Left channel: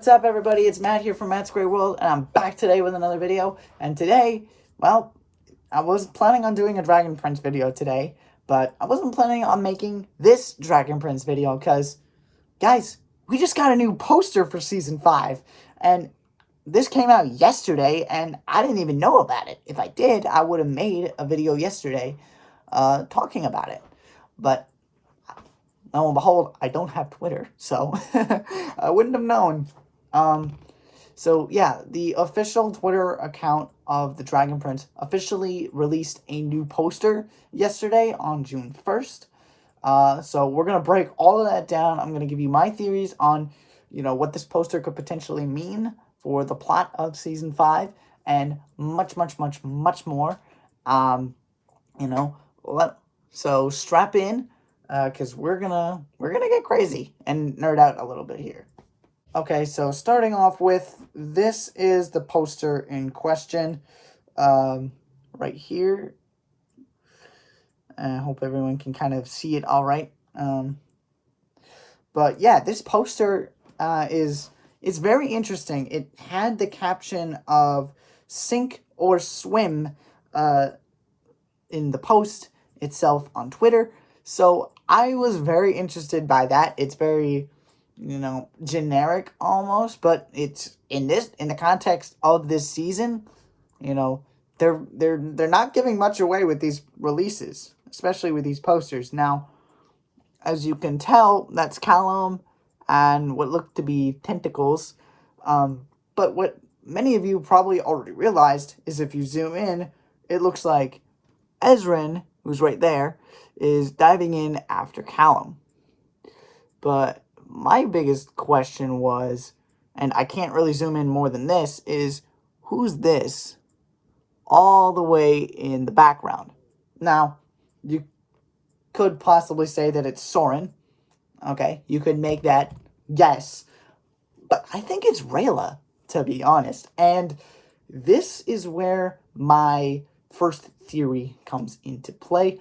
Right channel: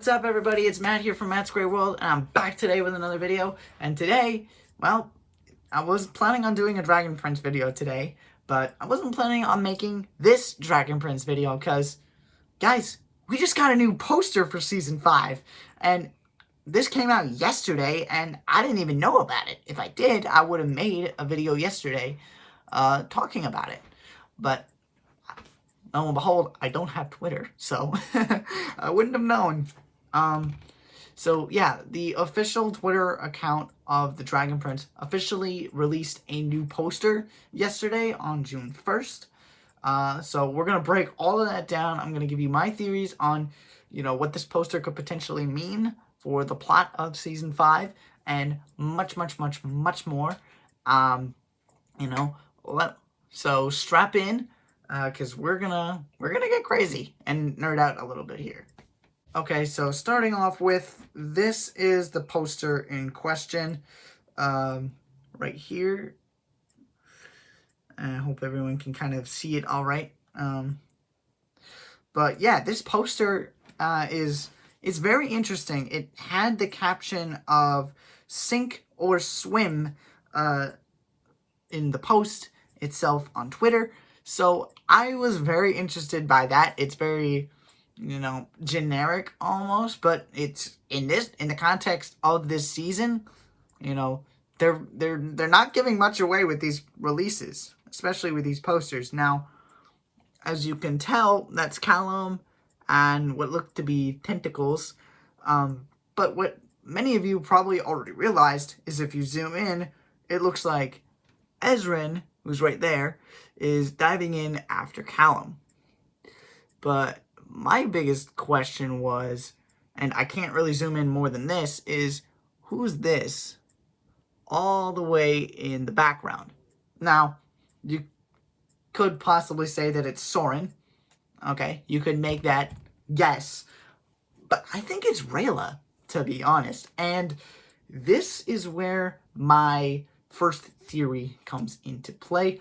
What's up, everybody? It's Matt here from Matt's Great World, and I'm back today with another video. And today, well, I was planning on doing a Dragon Prince video today, but I wasn't planning on making this Dragon Prince video because, guys, we just got a new poster for Season 5, and this came out yesterday, and I didn't even know about it. If I did, I would have made a video yesterday talking about it. But lo and behold, I don't have Twitter, so I wouldn't have known. So yeah, the official Twitter account of the Dragon Prince officially released a new poster yesterday on June 1st. So we're going to break all of that down. I'm going to give you my theories on, what this poster could potentially mean for the plot of Season 5 and much, much, much, much more. So strap in, because we're gonna get crazy and nerd out a little bit here. Okay, so starting off with, this is the poster in question, right here. I hope everyone can kind of see it all right. But yeah, this poster is very interesting. It had the caption of "Sink or Swim" in the post itself on Twitter. So I was very interested by that. It's very, generic almost, but it's in the context of this season, they're not giving much away with these releases, especially with these posters. Now, as you can tell, that's Callum and what look to be tentacles. But what many of you probably already realized is if you zoom in, it looks like Ezran, who's right there, is diving in after Callum. But my biggest question was, and I can't really zoom in more than this, is who's this all the way in the background? Now, you could possibly say that it's Soren. Okay, you could make that guess. But I think it's Rayla, to be honest. And this is where my first theory comes into play.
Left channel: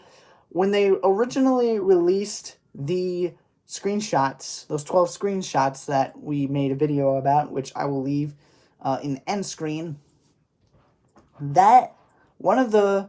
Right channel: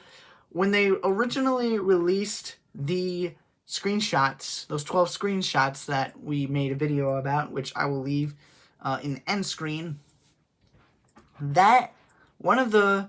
When they originally released the screenshots, those 12 screenshots that we made a video about, which I will leave in the end screen, that one of the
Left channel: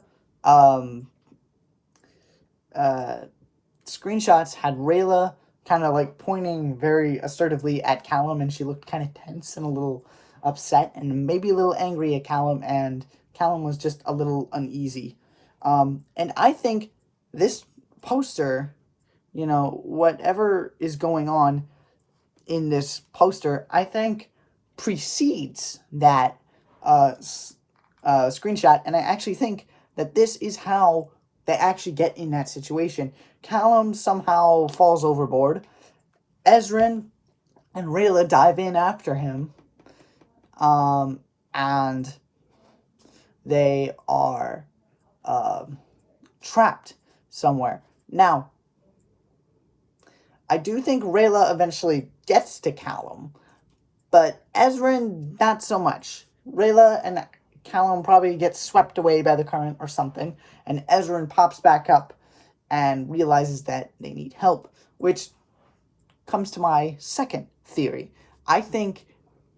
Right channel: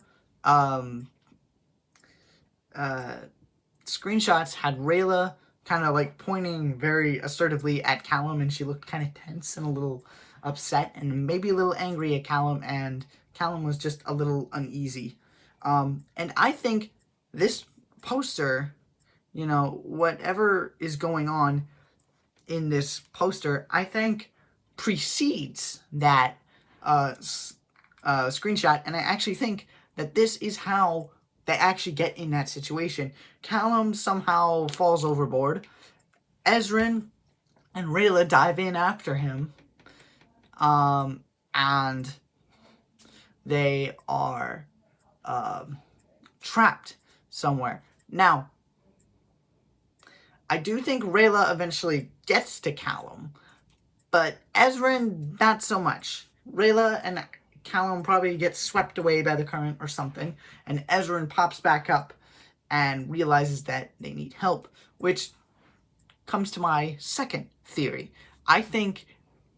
screenshots had Rayla kind of like pointing very assertively at Callum, and she looked kind of tense and a little upset and maybe a little angry at Callum, and Callum was just a little uneasy. And I think this poster, whatever is going on in this poster, I think precedes that screenshot. And I actually think that this is how they actually get in that situation. Callum somehow falls overboard. Ezran and Rayla dive in after him. And they are trapped somewhere. Now, I do think Rayla eventually gets to Callum, but Ezran, not so much. Rayla and Callum probably get swept away by the current or something, and Ezran pops back up and realizes that they need help, which comes to my second theory. I think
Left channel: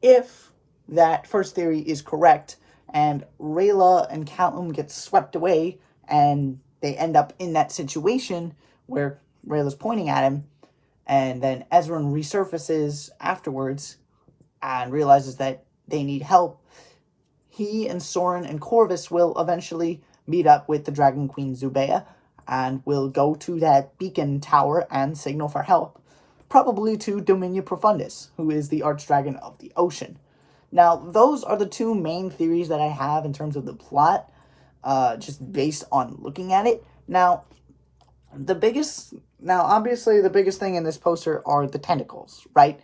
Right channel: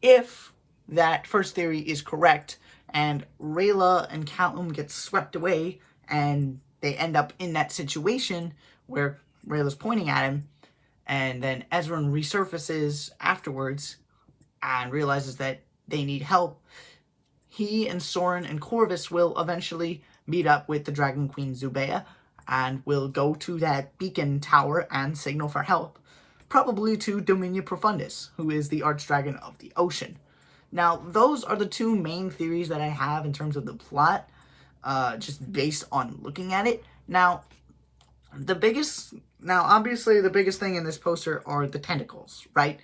if that first theory is correct, and Rayla and Callum get swept away, and they end up in that situation where Rayla's pointing at him, and then Ezran resurfaces afterwards and realizes that they need help, he and Soren and Corvus will eventually meet up with the Dragon Queen Zubeia and will go to that beacon tower and signal for help, probably to Dominia Profundus, who is the archdragon of the ocean. Now, those are the two main theories that I have in terms of the plot, just based on looking at it. Now, obviously, the biggest thing in this poster are the tentacles, right?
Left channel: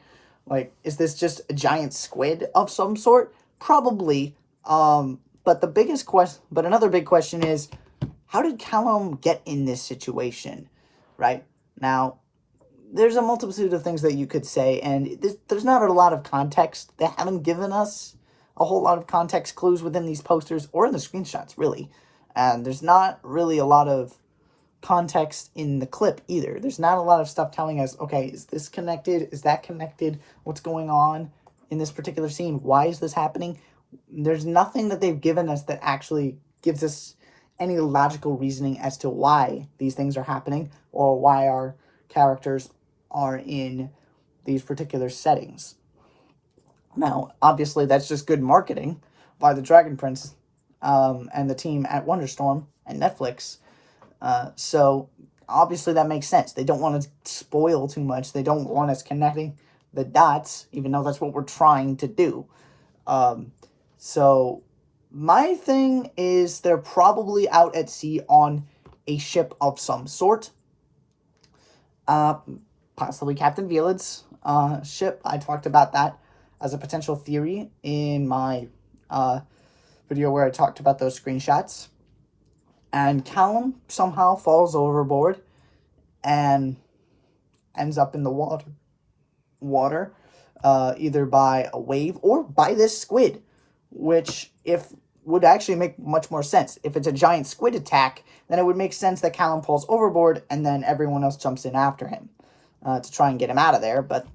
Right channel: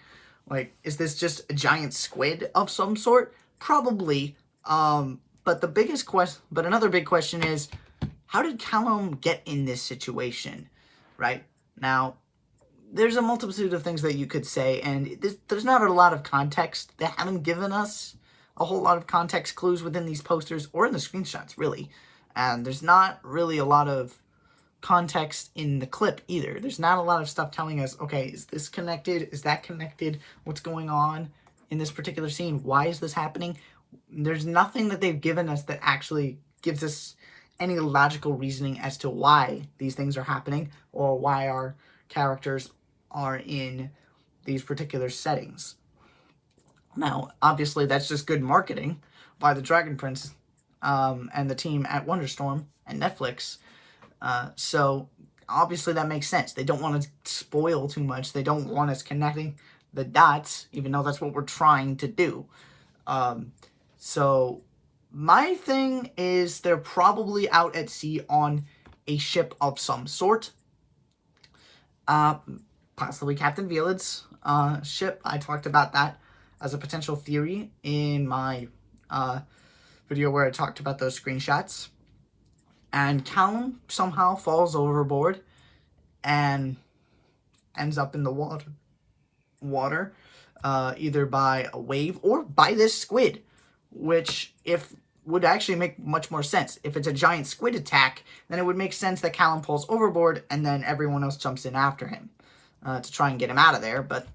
Like, is this just a giant squid of some sort? Probably. But another big question is, how did Callum get in this situation, right? Now, there's a multitude of things that you could say, and there's not a lot of context. They haven't given us a whole lot of context clues within these posters or in the screenshots, really. And there's not really a lot of context in the clip either. There's not a lot of stuff telling us, okay, is this connected? Is that connected? What's going on? in this particular scene. Why is this happening? There's nothing that they've given us that actually gives us any logical reasoning as to why these things are happening or why our characters are in these particular settings. Now, obviously, that's just good marketing by the Dragon Prince and the team at Wonderstorm and Netflix. So, obviously, that makes sense. They don't want to spoil too much. They don't want us connecting the dots, even though that's what we're trying to do. So, my thing is they're probably out at sea on a ship of some sort. Possibly Captain Violet's ship. I talked about that as a potential theory in my video where I talked about those screenshots. And Callum somehow falls overboard and ends up in the water, either by a wave or by this squid, which would actually make much more sense. If it's a giant squid attack, then it would make sense that Callum falls overboard and then everyone else jumps in after him to try and get him out of there. But,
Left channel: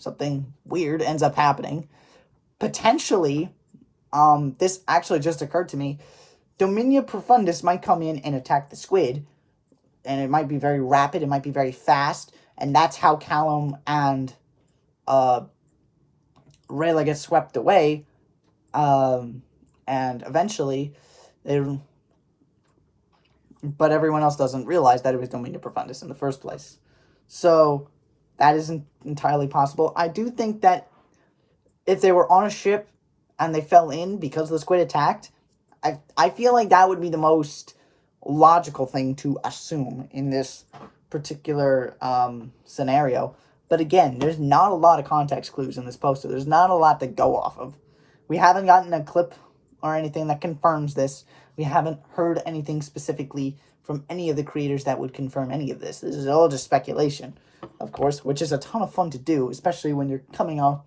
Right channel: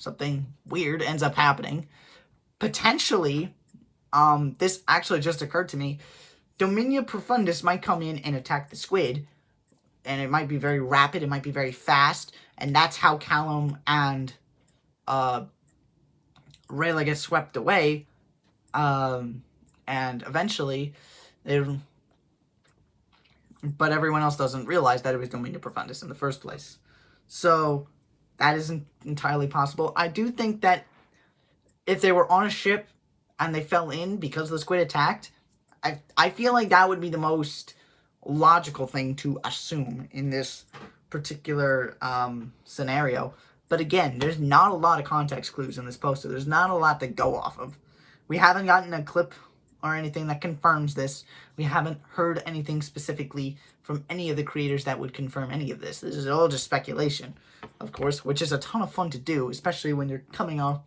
something weird ends up happening. Potentially, this actually just occurred to me, Dominia Profundus might come in and attack the squid, and it might be very rapid, it might be very fast, and that's how Callum and Rayla get swept away, and eventually, but everyone else doesn't realize that it was Dominia Profundus in the first place. So, that isn't entirely possible. I do think that if they were on a ship and they fell in because the squid attacked, I feel like that would be the most logical thing to assume in this particular scenario. But again, there's not a lot of context clues in this poster. There's not a lot to go off of. We haven't gotten a clip or anything that confirms this. We haven't heard anything specifically from any of the creators that would confirm any of this. This is all just speculation, of course, which is a ton of fun to do, especially when you're coming off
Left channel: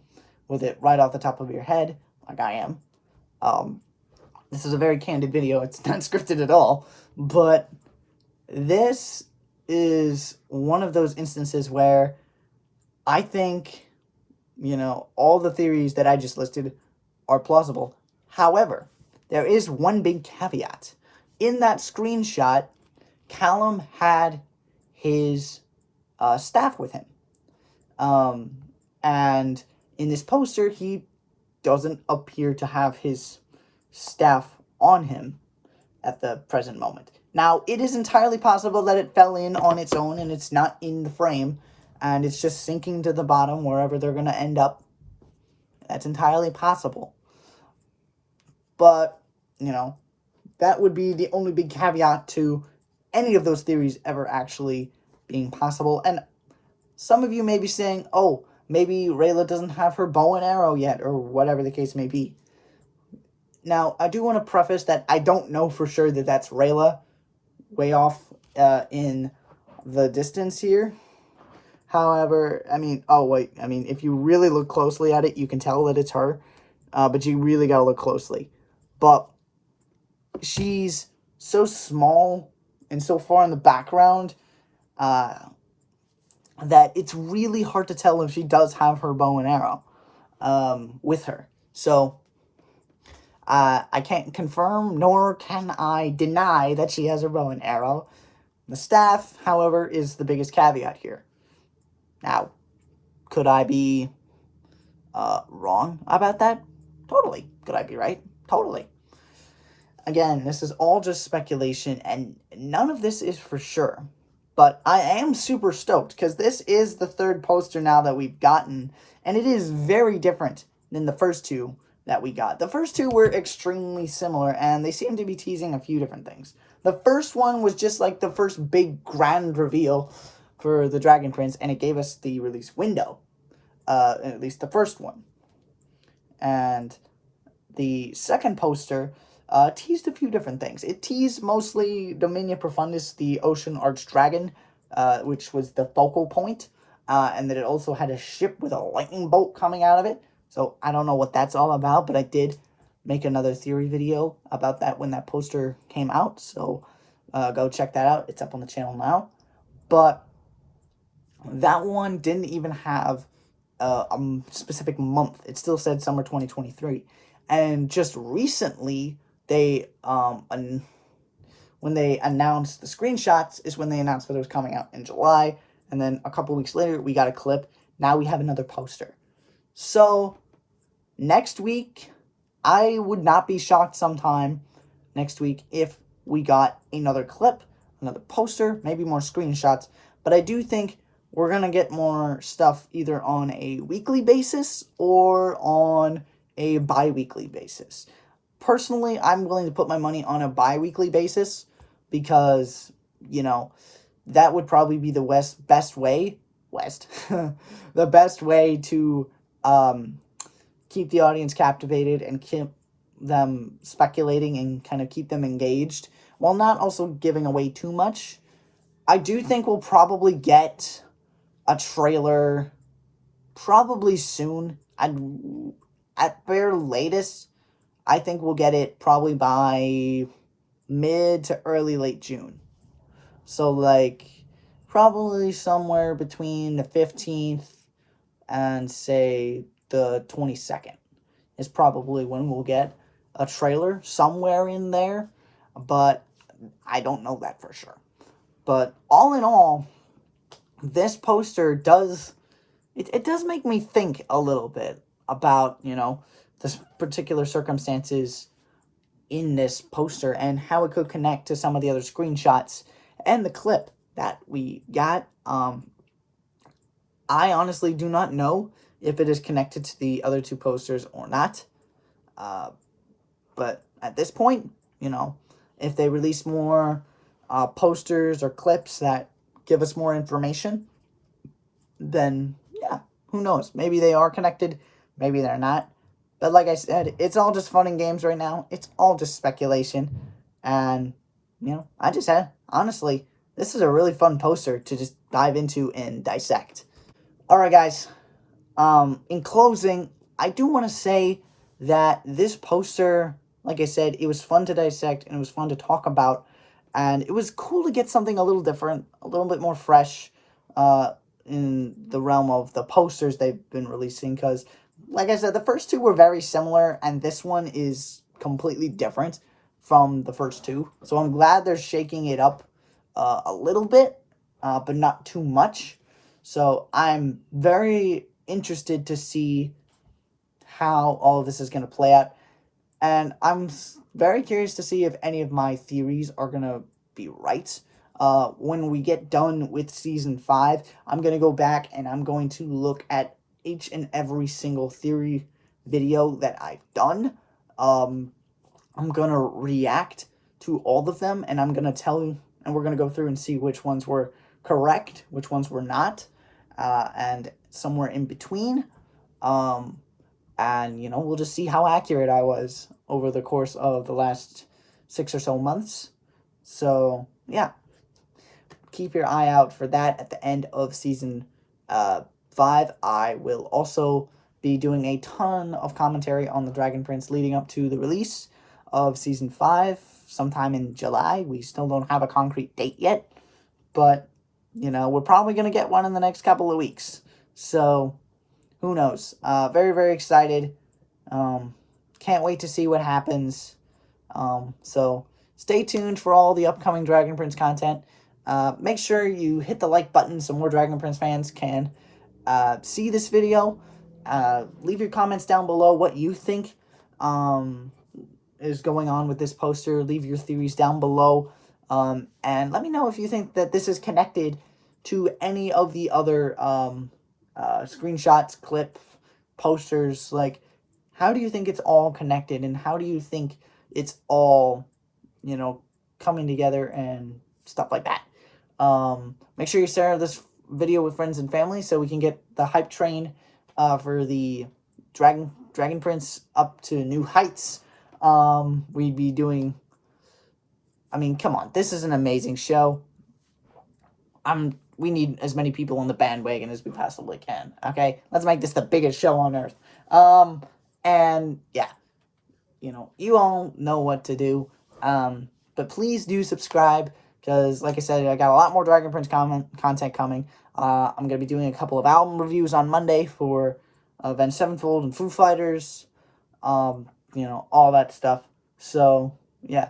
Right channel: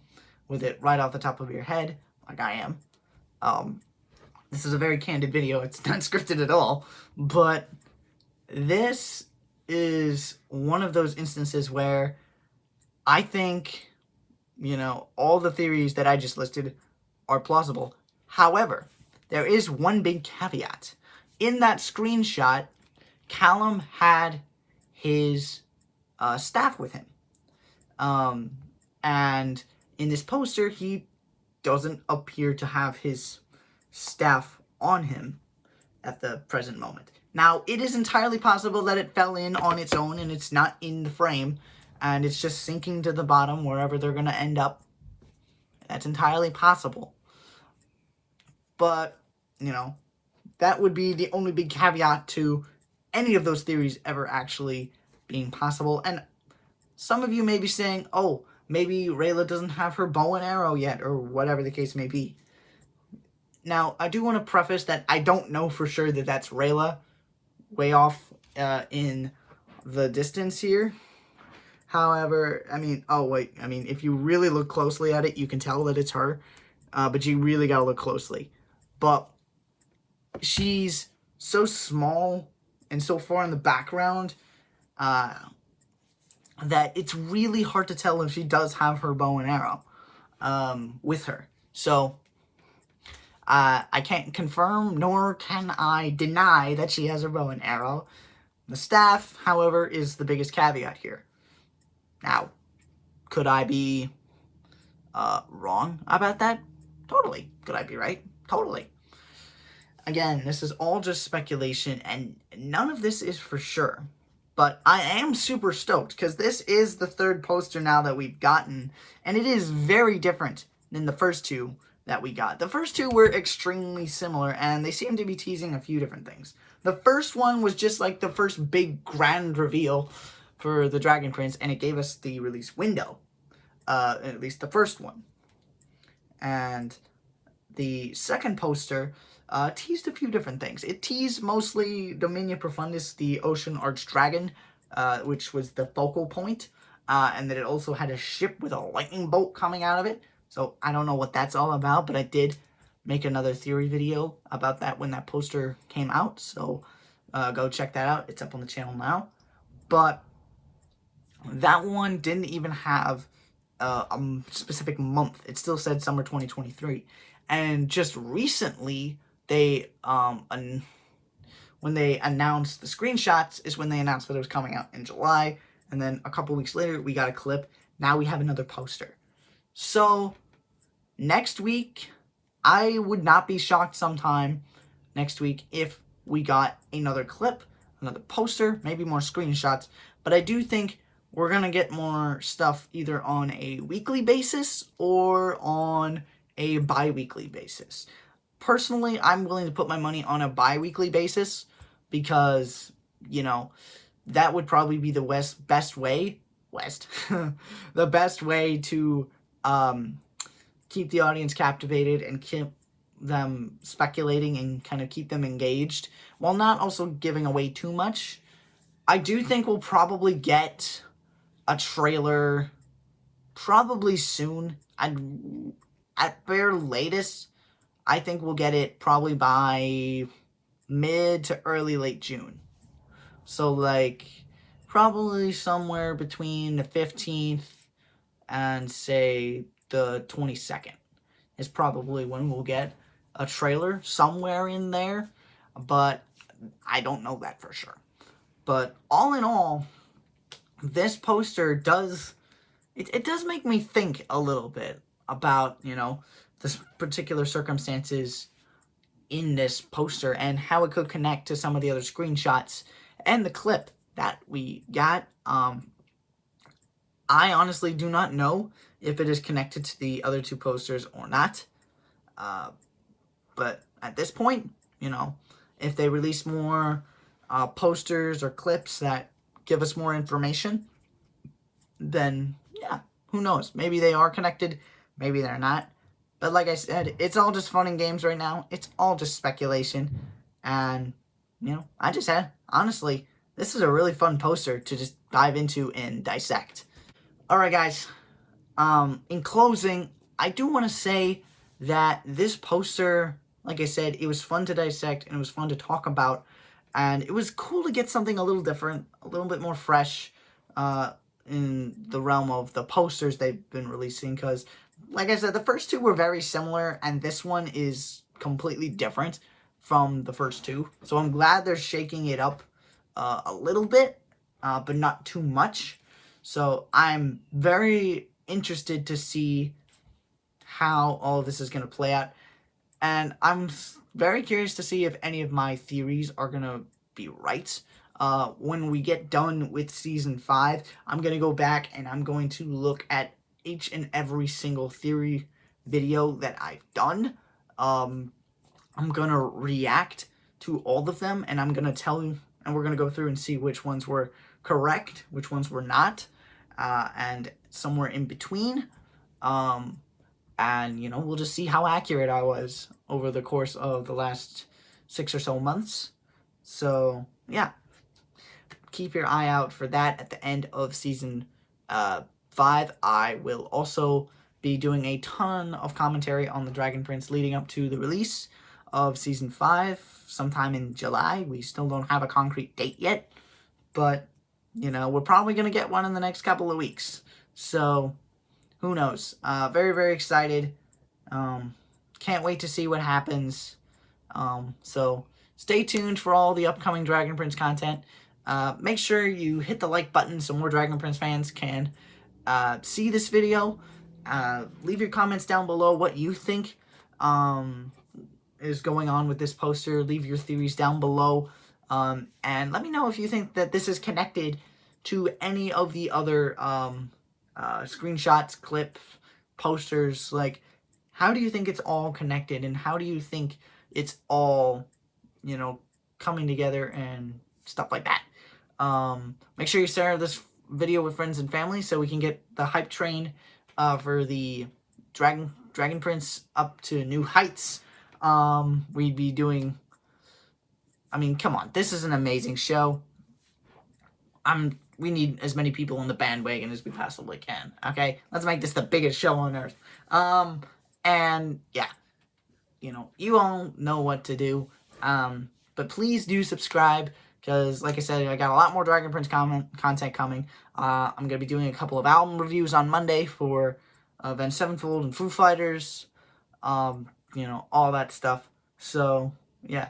with it right off the top of your head, like I am. This is a very candid video. It's not scripted at all. But this is one of those instances where I think, all the theories that I just listed are plausible. However, there is one big caveat. In that screenshot, Callum had his staff with him. And in this poster, he doesn't appear to have his staff on him at the present moment. Now, it is entirely possible that it fell in on its own and it's not in the frame and it's just sinking to the bottom wherever they're going to end up. That's entirely possible. But, that would be the only big caveat to any of those theories ever actually being possible. And some of you may be saying, oh, maybe Rayla doesn't have her bow and arrow yet, or whatever the case may be. Now, I do want to preface that I don't know for sure that that's Rayla way off in the distance here. However, if you really look closely at it, you can tell that it's her. But you really got to look closely. But she's so small and so far in the background that it's really hard to tell if she does have her bow and arrow with her. So, I can't confirm, nor can I deny that she has her bow and arrow. The staff, however, is the biggest caveat here. Now, could I be wrong about that? Totally. Could I be right? Totally. Again, this is all just speculation, and none of this is for sure. But I am super stoked, because this is the third poster now that we've gotten, and it is very different than the first two that we got. The first two were extremely similar, and they seem to be teasing a few different things. The first one was just like the first big grand reveal for the Dragon Prince, and it gave us the release window, at least the first one. And the second poster teased a few different things. It teased mostly Dominia Profundus, the Ocean Archdragon, which was the focal point, and that it also had a ship with a lightning bolt coming out of it. So I don't know what that's all about, but I did make another theory video about that when that poster came out. So go check that out. It's up on the channel now. But that one didn't even have specific month. It still said summer 2023. And just recently, they when they announced the screenshots is when they announced that it was coming out in July. And then a couple weeks later, we got a clip. Now we have another poster. So next week, I would not be shocked sometime next week if we got another clip, another poster, maybe more screenshots. But I do think we're going to get more stuff either on a weekly basis or on a bi-weekly basis. Personally, I'm willing to put my money on a bi-weekly basis because, you know, that would probably be the best way the best way to keep the audience captivated and keep them speculating and kind of keep them engaged while not also giving away too much. I do think we'll probably get a trailer probably soon. At bare latest, I think we'll get it probably by mid to early late June. So like probably somewhere between the 15th and say the 22nd is probably when we'll get a trailer, somewhere in there, but I don't know that for sure. But all in all, this poster does make me think a little bit about, you know, this particular circumstances in this poster and how it could connect to some of the other screenshots and the clip that we got. I honestly do not know if it is connected to the other two posters or not. But at this point, you know, if they release more posters or clips that give us more information, then yeah, who knows? Maybe they are connected, maybe they're not. But like I said, it's all just fun and games right now. It's all just speculation. And, you know, honestly, this is a really fun poster to just dive into and dissect. Alright guys, in closing, I do want to say that this poster, like I said, it was fun to dissect and it was fun to talk about. And it was cool to get something a little different, a little bit more fresh in the realm of the posters they've been releasing. Because, like I said, the first two were very similar and this one is completely different from the first two. So I'm glad they're shaking it up a little bit, but not too much. So I'm very interested to see how all of this is going to play out. And I'm very curious to see if any of my theories are going to be right. When we get done with Season 5, I'm going to go back and I'm going to look at each and every single theory video that I've done. I'm going to react to all of them, and I'm going to tell you, and we're going to go through and see which ones were correct, which ones were not, and somewhere in between. And, you know, we'll just see how accurate I was over the course of the last 6 or so months. So, yeah. Keep your eye out for that at the end of Season 5. I will also be doing a ton of commentary on the Dragon Prince leading up to the release of Season 5 sometime in July. We still don't have a concrete date yet, but, you know, we're probably going to get one in the next couple of weeks. So, who knows? Very, very excited. Can't wait to see what happens. So, stay tuned for all the upcoming Dragon Prince content. Make sure you hit the like button so more Dragon Prince fans can see this video. Leave your comments down below what you think is going on with this poster. Leave your theories down below. And let me know if you think that this is connected to any of the other screenshots, clips, posters. Like, how do you think it's all connected? And how do you think it's all, you know, coming together and stuff like that? Make sure you share this video with friends and family so we can get the hype train for the Dragon Prince up to new heights. We'd be doing, I mean, come on, this is an amazing show. We need as many people on the bandwagon as we possibly can, okay? Let's make this the biggest show on earth. And, yeah, you know, you all know what to do. But please do subscribe because, like I said, I got a lot more Dragon Prince content coming. I'm going to be doing a couple of album reviews on Monday for Avenged Sevenfold and Foo Fighters, you know, all that stuff. So, yeah,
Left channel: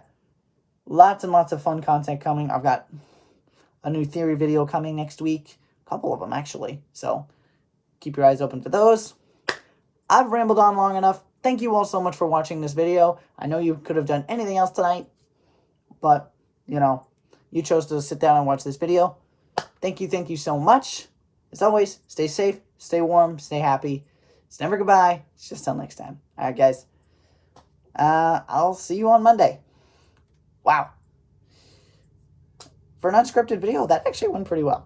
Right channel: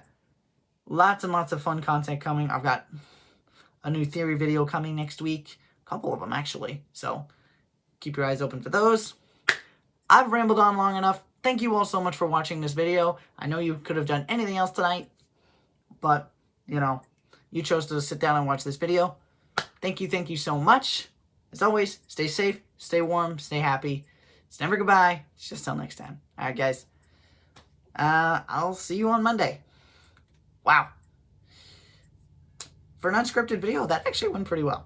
lots and lots of fun content coming. I've got a new theory video coming next week, a couple of them, actually. So, keep your eyes open for those. I've rambled on long enough. Thank you all so much for watching this video. I know you could have done anything else tonight, but, you know, you chose to sit down and watch this video. Thank you so much. As always, stay safe, stay warm, stay happy. It's never goodbye. It's just till next time. All right, guys. I'll see you on Monday. Wow. For an unscripted video, that actually went pretty well.